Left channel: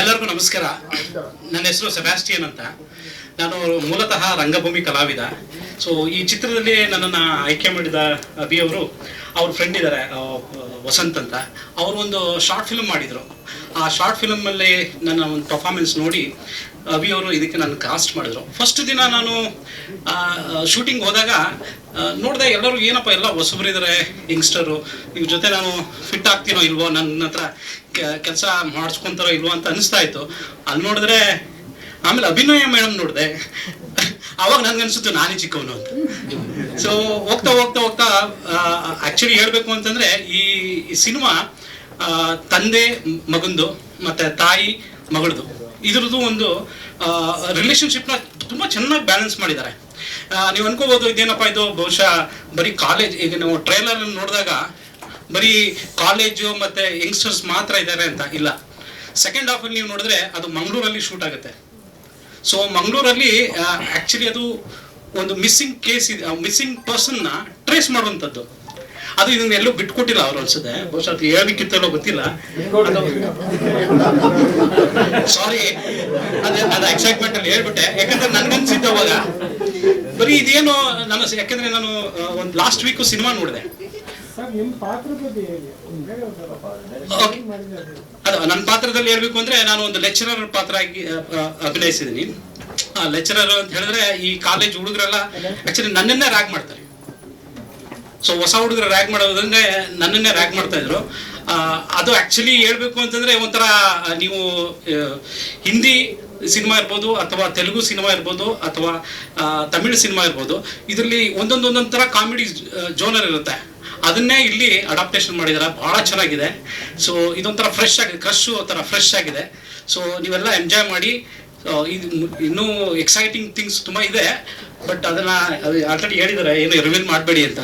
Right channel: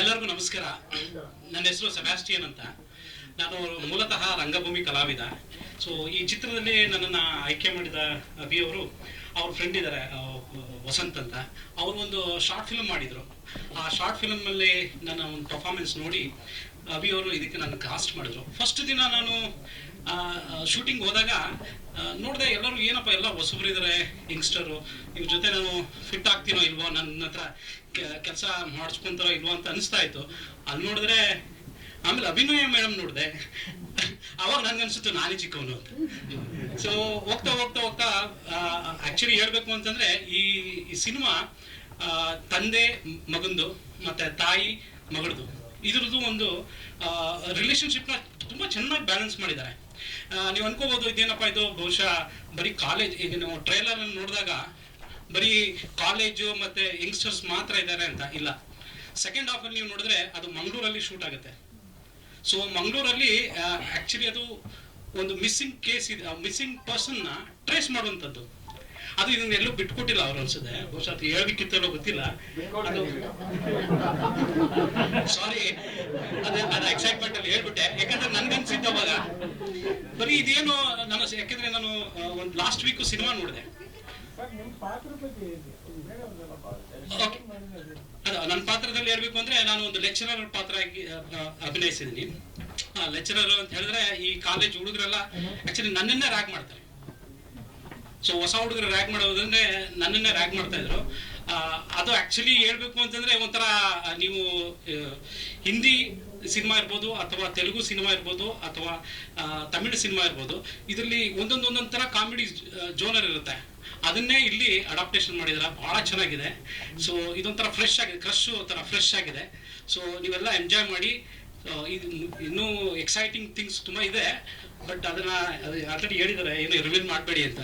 ಎಲ್ಲರಿಗೂ ನಮಸ್ಕಾರ. ನನ್ನ ಹೆಸರು ಸೆಬಾಸ್ಟಿಯನ್ ಅಂತ. ನಾನು ಮೂಲತಃ ರಂಗಭೂಮಿ ಕಲಾವಿದ. ಸೊ ಈ ಚಿತ್ರದಲ್ಲಿ ನನ್ನನ್ನು ಆಯ್ಕೆ ಮಾಡಿದ ಅಭಿ ಅವರು, ಅವ್ರ ಫ್ರೆಂಡ್ ಇದ್ದಾರೆ ವಸಂತ್ ಅಂತ. ಅವರು ಒಂದು ಶಾರ್ಟ್ ಫಿಲಮ್ ಮಾಡಿದರು. ಆ ಶಾರ್ಟ್ ಫಿಲಮಲ್ಲಿ ನನ್ನ ಒಂದು ಪರ್ಫಾರ್ಮೆನ್ಸ್ ನೋಡಿ ಅಭಿ ಅವರು ಇದಕ್ಕೆ ನನ್ನ ಕಾಸ್ಟ್ ಮಾಡಿದ್ರು. ಫಸ್ಟ್ ದಿನ ನಾನು ಶೂಟಿಂಗ್ ಹೋದಾಗ ನೋಡಿದೆ ಎಲ್ಲರೂ ಏನಪ್ಪ ಎಲ್ಲ ಹೊಸಬರಿದ್ದಾರೆ ಯಂಗ್ಸ್ಟರು ಇವ್ರ ಜೊತೆ ನಾನು ಫಿಟ್ ಆಗ್ತೀನೋ ಇಲ್ವೋ ನನ್ನ ಹತ್ರ ಕೆಲಸ ಮಾಡಿಸ್ಕೊಂತಾರೋ ಇಲ್ವೋ ಅಂತ ಅನಿಸ್ತಾ ಇತ್ತು. ಅಲ್ಲಿ ನೋಡಿದ್ರೆ ಆಮೇಲೆ ಅಭಿನಯ ಮೇಡಮ್ ನೋಡಿದೆ. ಅವಾಗ ನನ್ಗನ್ಸುತ್ತೆ ನಾನೇ ಚಿಕ್ಕವನು ಅಂತ. ಸೊ ಹೋಗ್ತಾ ಹೋಗ್ತಾ ಹೋಗ್ತಾ ಆಕ್ಚುಲಿ ಹೇಳ್ಬೇಕು ಅಂತಂದ್ರೆ ಈ ಸಿನಿಮಾ ತಂದೆ ಮಗಂದು ಮತ್ತೆ ತಾಯಿ ಮಗಳದು, ಇದ್ರದ್ದು ಒಂದು ರಿಲೇಶನ್ಶಿಪ್ನ ತುಂಬಾ ಚೆನ್ನಾಗಿ ಬ್ಯಾಲೆನ್ಸ್ ಮಾಡಿದ್ದಾರೆ. ನೀವು ಅನ್ಕೋಬಹುದು ಇದೇನಪ್ಪ ಇದು ಬಹುಶಃ ಬರೀ ಕಾಲೇಜ್ ಈಗ ನಾವು ಟ್ರೈಲರ್ ನೋಡಿದಾಗ ಬರೀ ಕಾಲೇಜು ಮತ್ತೆ ಯಂಗ್ಸ್ಟರ್ಸ್ ಮಾತ್ರ ಇದ್ದಾರೆ ಅಂತ ಇಲ್ಲ. ಸೆಕೆಂಡ್ ಹಾಫ್ ಅಲ್ಲಿ ನೀವು ನೋಡಿದ್ರೆ ಅದು ಮಂಗಳೂರಲ್ಲಿ ಶೂಟ್ ಆಗುತ್ತೆ. ಸೊ ಮಂಗಳೂರಲ್ಲಿ ಆಕ್ಚುಲಿ ಅದು ಒಂದು ಮಿಸ್ಸಿಂಗ್ ಕೇಸ್ ಇದೆ ಮಿಸ್ಸಿಂಗ್ ಪರ್ಸನ್ನ ಟ್ರೇಸ್ ಮಾಡುವಂತದ್ದು ಅದು ಇದನ್ನ ಎಲ್ಲೂ ಬಿಟ್ಕೊಟ್ಟಿಲ್ಲ ಅವ್ರು ಅನ್ಸುತ್ತೆ. ಬಹುಶಃ ಅದು ಹೇಳಿಕ್ಕಿತ್ತಲ್ಲೋ ಗೊತ್ತಿಲ್ಲ. ಸಾರಿ ಅದೇ ಅದು ಎಕ್ಸೈಟ್ಮೆಂಟ್ ಅಲ್ಲಿ ಹೇಳ್ಬಿಟ್ಟೆ. ಯಾಕಂದ್ರೆ ನನ್ಗನ್ಸಿದ್ದ ಅವಾಗ. ಬರೀ ಇದೇನು ನನ್ನ ಯಾಕಂದ್ರೆ ನಾನು ಒಂದು ಲಾಸ್ಟ್ ವೀಕು ಸಿನಿಮಾ ನೋಡಿದೆ. ಅದು. ನನ್ನ ಪಾತ್ರದಲ್ಲಿ ಹೇಳ್ಬೇಕು ಅಂದ್ರೆ ನಾನು ಒಂದು ಲೆಕ್ಚರರ್ ಪಾತ್ರ ಆಗಿ ಆ, ಆ, ಅಭಿನಯಿಸಿದ್ದೀನಿ. ಆ ಲೆಕ್ಚರರ್ ಅಂತ ಹೇಳಿದ್ರೆ ಈ ಕಾಲೇಜ್ ಹುಡುಗರೆಲ್ಲ ಆಕ್ಚುಲಿ ನನ್ನನ್ನೇ ರ್ಯಾಗ್ ಮಾಡ್ತಾರೆ. ಸೊ ಹೊಸ ಹುಡುಗರು ರ್ಯಾಗ್ ಮಾಡೋದಂದ್ರೆ ನನ್ನನ್ನೇ ರ್ಯಾಗ್ ಮಾಡ್ತಾ ಇದ್ರು. ಅದು ಆಕ್ಚುಲಿ ಹೇಳ್ಬೇಕು ಅಂತಂದ್ರೆ ಒಂಥರ ನೀವು ಹಿಂದಿ ಸಿನಿಮಾ ಇರ್ಬೋದು ಅಥವಾ ತೆಲುಗು ಸಿನಿಮಾ ಇರ್ಬೋದು ಅಥವಾ ತಮಿಳು ಸಿನಿಮಾ ಇರ್ಬೋದು. ಇದರಲ್ಲಿ ಒಂದೊಂದೊಂದೊಂದು ಒಂದೊಂದು ಥರ ಕಾಮಿಡಿ ಜೋನರ್ ಇರುತ್ತೆ. ಅದನ್ನೇ ಇಲ್ಲಿ ಅಡಾಪ್ಟೇಷನ್ ಮಾಡಿದಾರೆ. ಬಹಳ ಚೆನ್ನಾಗಿದೆ. ಸೊ ಇದೊಂಥರ ಫ್ರೆಶ್ ಆಗಿದೆ ಕ್ರಶ್ಶು ಒಂಥರ ಫ್ರೆಶ್ ಆಗಿದೆ. ಸೊ ನೀವೆಲ್ಲ ಎಂಜಾಯ್ ಮಾಡಿ ಇದು ಇನ್ನೂ ಎಕ್ಸೈಟಿಂಗ್ ಥಿಂಗ್ಸ್ ತುಂಬ ಇದೆ. ಬಟ್ ಅದನ್ನ ಆಲ್ರೆಡಿ ಹೇಳಿದ್ದಾರೆ ಏನು ರಿವೀಲ್ ಮಾಡಬೇಡಿ ಅಂತ.